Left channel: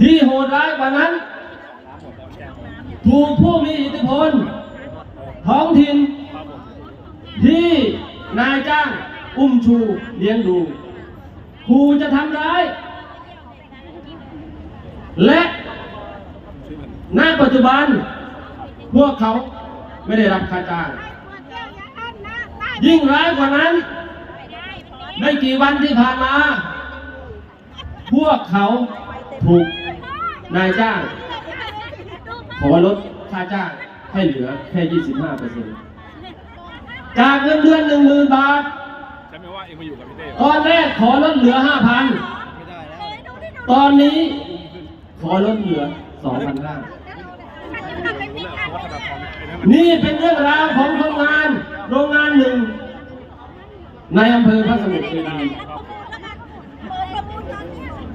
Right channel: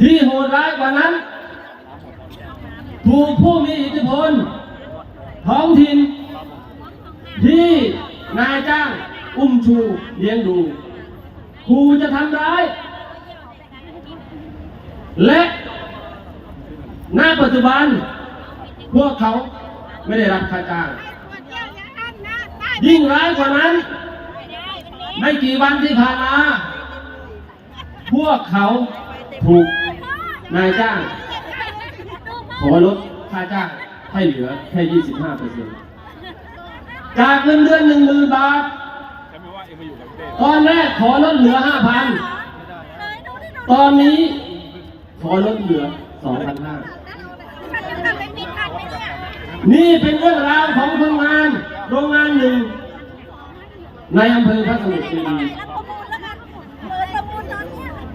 ที่โหดร้ายกว่านั้น ถูกผู้มีอิทธิพลท้องถิ่นที่นายจ้างอุ้มชูเลี้ยงดูครูจะทำร้าย และณปัจจุบัน พวกเขาไม่ได้รับค่าจ้างยิ่งร้ายกว่านั้น ไม่กี่วันที่ผ่านมาพวกเขาถูก นายจ้างขอลดค่าจ้างให้เหลือแค่ 25เปอร์เซ็นต์จากเงินเดือนหนึ่งหมื่นบาทตอนแรกขอลดเหลือ 5,000 ตอนนี้ขอลดเหลือ2,500นี่เป็นเรื่องราวของโรงงานโรงงานหนึ่ง ในอำเภอพระสมุทรคีรี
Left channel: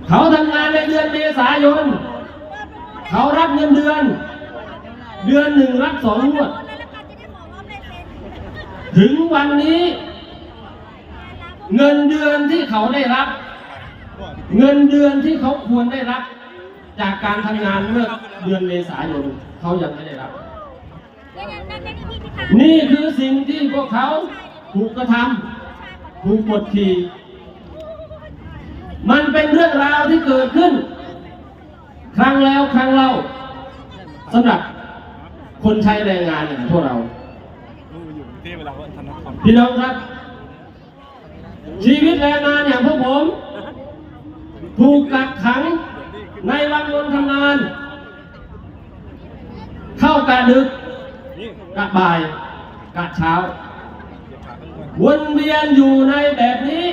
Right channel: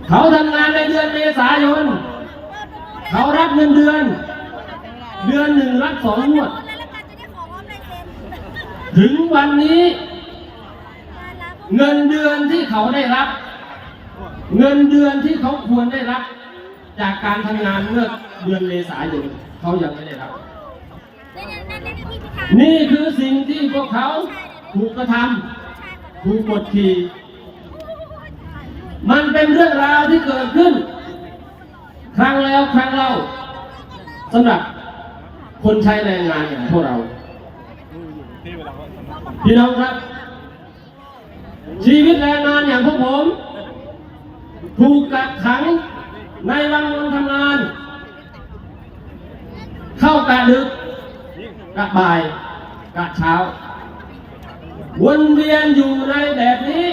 เขาทำงานในเดือนเมษายน เขารับเงินเดือน เดือนหนึ่งรับสองงวด ถึงวันนี้ เงินเดือนที่เขาได้รับ เงินเดือนที่เขาควรได้รับ จากการทำงานเมื่อเดือนเมษายนเขายังไม่ได้รับ นี่คือสิ่งที่พวกเขาถูกกระทำถูกกดขี่มันเป็นเรื่องราวที่เกิดขึ้น ครั้งแล้วครั้งเล่าสำหรับคนใช้แรงงานอย่างพวกเรา พี่น้องครับ ชีวิตแรงงานอย่างพวกผม ถูกกักขังในวังวนทำงาน เข้ากะดึกกะบ่ายกะเช้า วนเวียนอยู่ในแบบนี้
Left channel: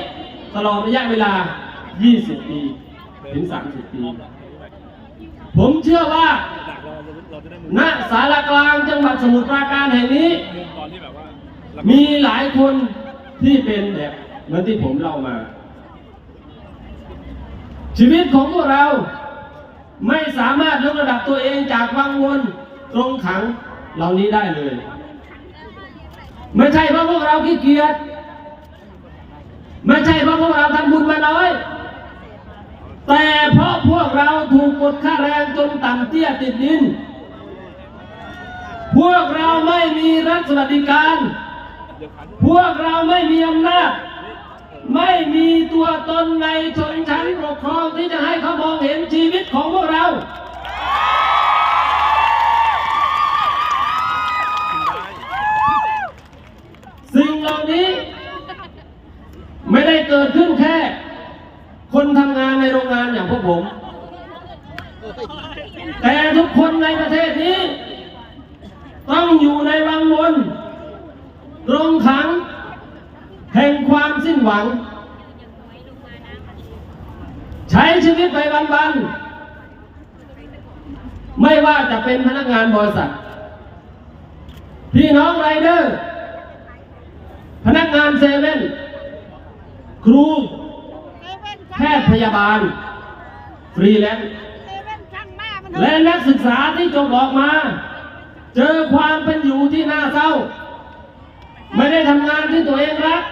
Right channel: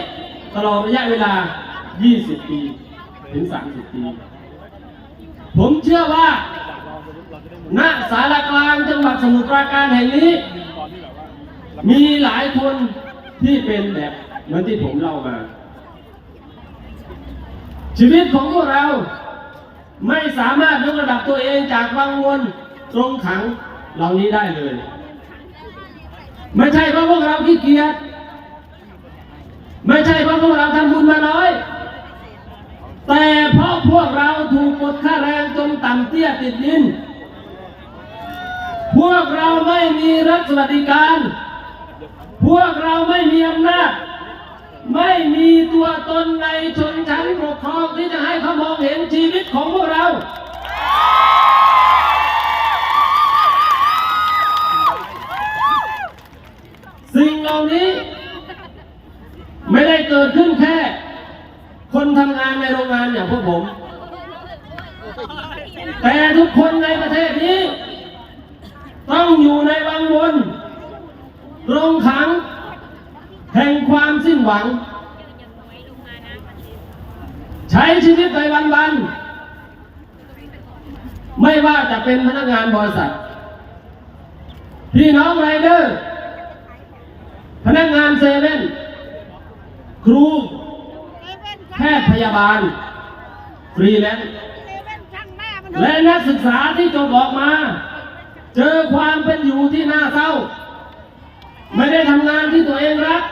ตลอดระยะเวลา 20 ปี ถึง 30 ปี ผมเชื่อว่าณสารกลางจังหวัดสมุทรปราการแห่งนี้ มีหลายคนที่เป็นแบบเหมือนที่ผมเล่ามา ชีวิตของพวกเราไม่สามารถยกระดับตัวเองจากวังวนตรงขังเหล่านี้ได้เลย ไม่ใช่เพราะพวกเราขี้เกียจไม่ใช่เพราะพวกเราทำบุญมาน้อย แต่เพราะพวกเราถูกกดค่าแรงจนต่ำเตี้ยติดดิน พวกเราไม่มีรัฐสวัสดิการ พวกเราไม่มีอำนาจ ไม่มีตัวตนในชนชั้นปกครองที่จะให้เขามองเห็นชีวิตของพวกเราสิ่งเหล่านี้ ไม่ได้เกิดขึ้นทำงานในโรงงานอย่างพวกผม แต่ทุกคนในประเทศนี้ ต้องอยู่ในวังวนตรงขัง แห่งความสิ้นหวัง ใช้ชีวิตไปวันๆ ไม่ว่าจะเป็นพนักงานบริษัท พี่น้องไรเดอร์ พนักงานเซเว่น ครู แพทย์พยาบาล ฟรีแลนซ์และนักศึกษาที่จบออกมา เจอความเป็นอยู่ที่น่าเศร้า ไม่ได้ทำงานที่ตัวเองรัก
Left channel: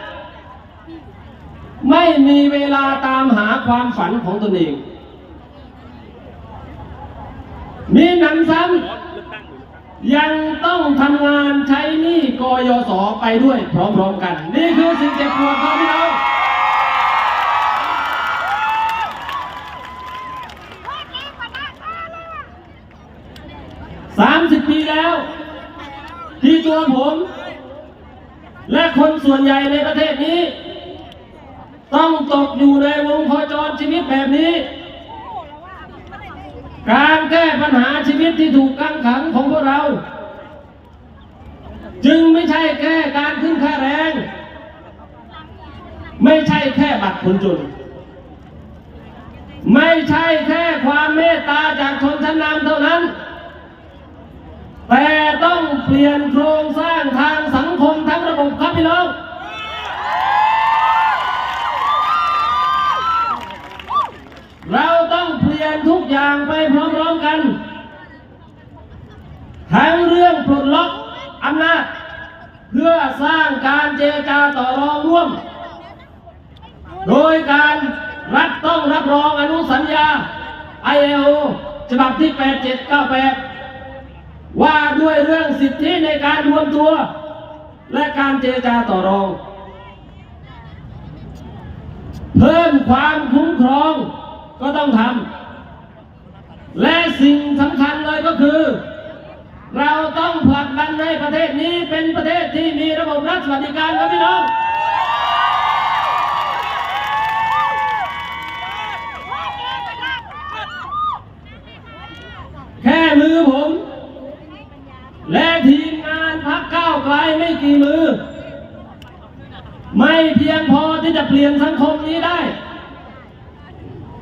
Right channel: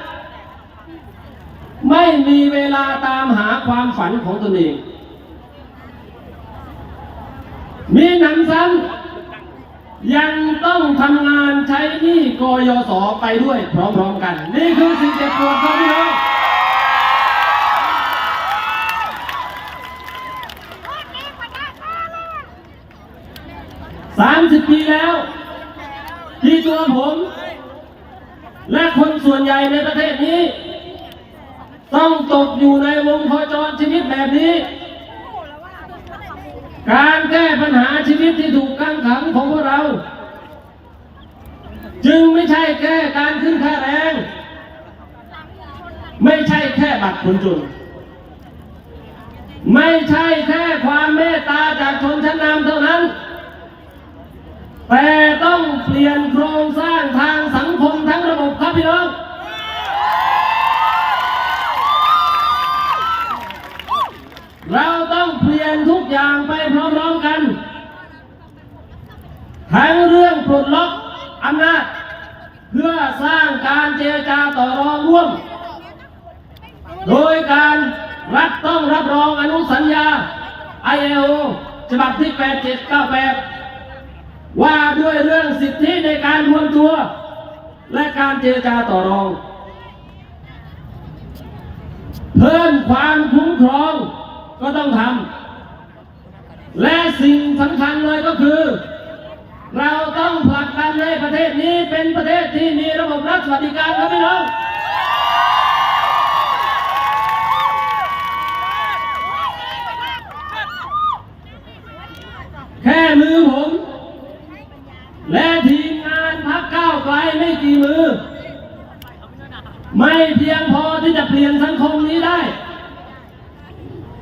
ไม่มีเวลาตามหาความฝันของตนเอง มีหนำซ้ำยังต้องทำงานใช้หนี้กยศไปด้วยพร้อมๆกัน นี่คือสิ่งเจ็บปวดครับพี่น้องสามสิบปีแล้ว ที่ตัวผม และคนส่วนใหญ่ในประเทศนี้ ต้องตกอยู่ในวงโคจรชีวิตแบบนี้ การแก้ปัญหาชีวิตที่ถูกกังขังของพวกเรา จึงไม่ใช่แค่การขึ้นค่าแรง ไม่ใช่แค่บัตรคนจนไม่ใช่แค่ความเมตตาจากชนชั้นนำเท่านั้น แต่ต้องเปลี่ยนโครงสร้างทางสังคมทั้งระบบครับพี่น้อง เราต้องเปลี่ยนทุกอย่างไปพร้อมๆกัน ทั้งเรื่อง ปลดล็อกอำนาจเพื่อสร้างการเจรจาต่อรองร่วม โดยการรัฐต้องรับรองอนุสัญญาอ ILO ฉบับที่ 8798 ว่าด้วยเรื่องสิทธิในการรวมตัว และการเจรจาต่อรอง เพิ่มความคุ้มครองก็ต้องทำและสิ่งสำคัญเลยก็คือ เราต้องผลักดันให้ประเทศนี้เป็นประเทศที่มีระบบรัฐสวัสดิการครับพี่น้องแค่มือผม และทีมงานพักก้าวไกลไม่กี่มือ ไม่เพียงพอที่จะเปลี่ยนสังคมนี้ได้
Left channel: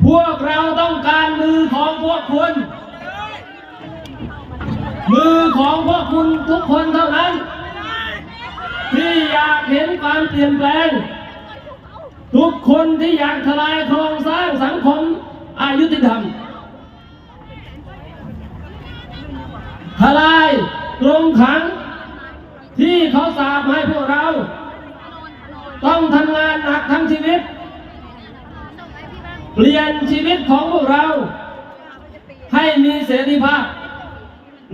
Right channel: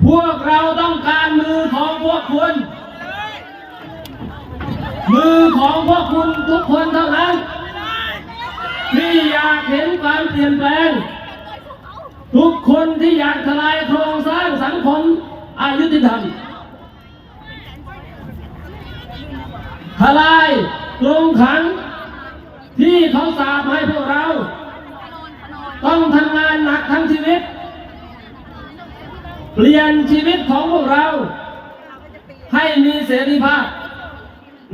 พวกเราต้องการมือของพวกคุณ มือของพวกคุณทุกคนเท่านั้น ที่อยากเห็นความเปลี่ยนแปลง ทุกคนที่อยากทลายโครงสร้างสังคมอายุติธรรมทลายกรงขังที่เขาสาบให้พวกเรา ต้องทำงานหนักทั้งชีวิต เปลี่ยนชีวิตของพวกเรา ให้มีเสรีภาพ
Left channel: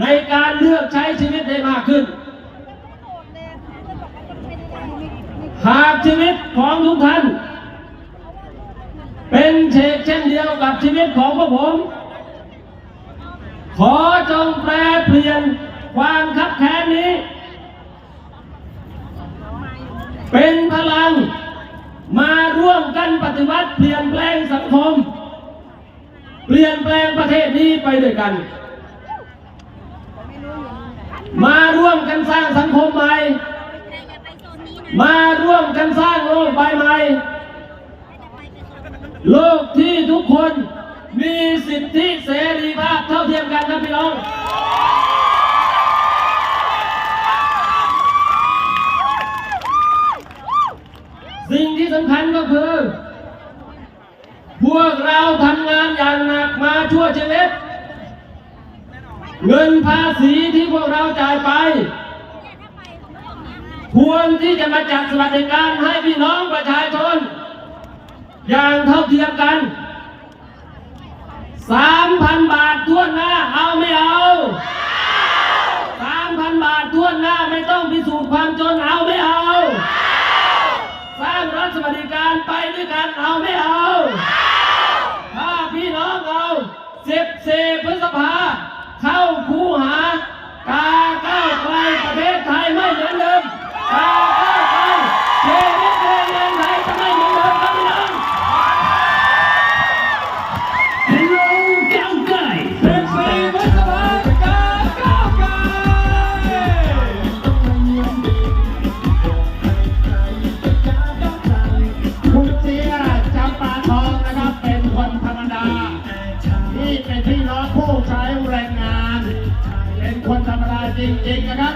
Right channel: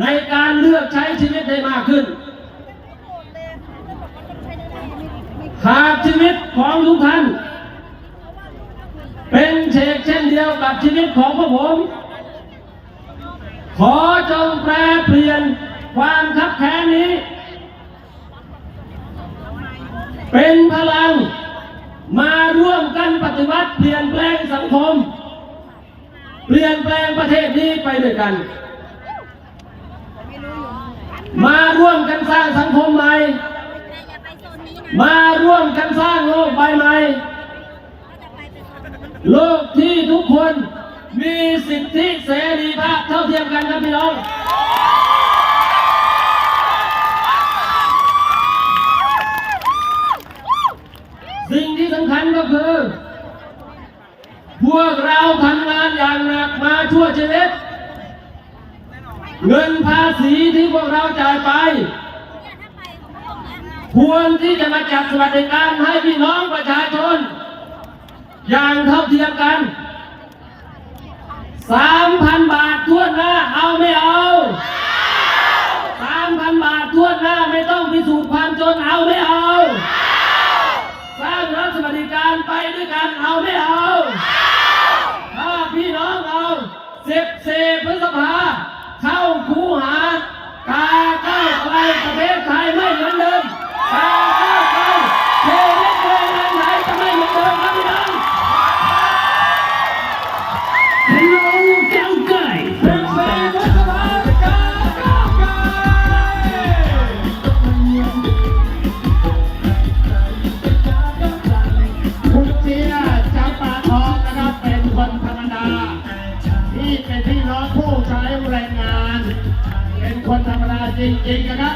ในการเลือกใช้ชีวิตได้มากขึ้น หากชีวิตของทุกท่าน เป็นเชกเช่นเดียวกับชีวิตของพวกผม ขอจงแปลเปลี่ยนความคับแค้นนี้ เป็นพลังมาร่วมกันปฏิวัติเปลี่ยนแปลงสังคม เปลี่ยนแปลงประเทศนี้ไปด้วยกัน มาร่วมกันสร้างสังคมใหม่ มาร่วมกันสร้างโลกใบใหม่ โลกที่ทุกคนมีสิทธิเสรีภาพเท่าเทียมกันครับพี่น้องที่สำคัญก็คือ พวกเราทำงานอย่างหนักมาชั่วชีวิต เงินภาษีที่พวกเราจ่ายไป ควรที่จะมาจัดสวัสดิการให้พี่น้องประชาชน อย่างเท่าเทียมกันสามพันบาททวดหน้าเอาไม่เอาสามพันบาททวดหน้าไม่ต้องพิสูจน์ความจนเอาไม่เอา อง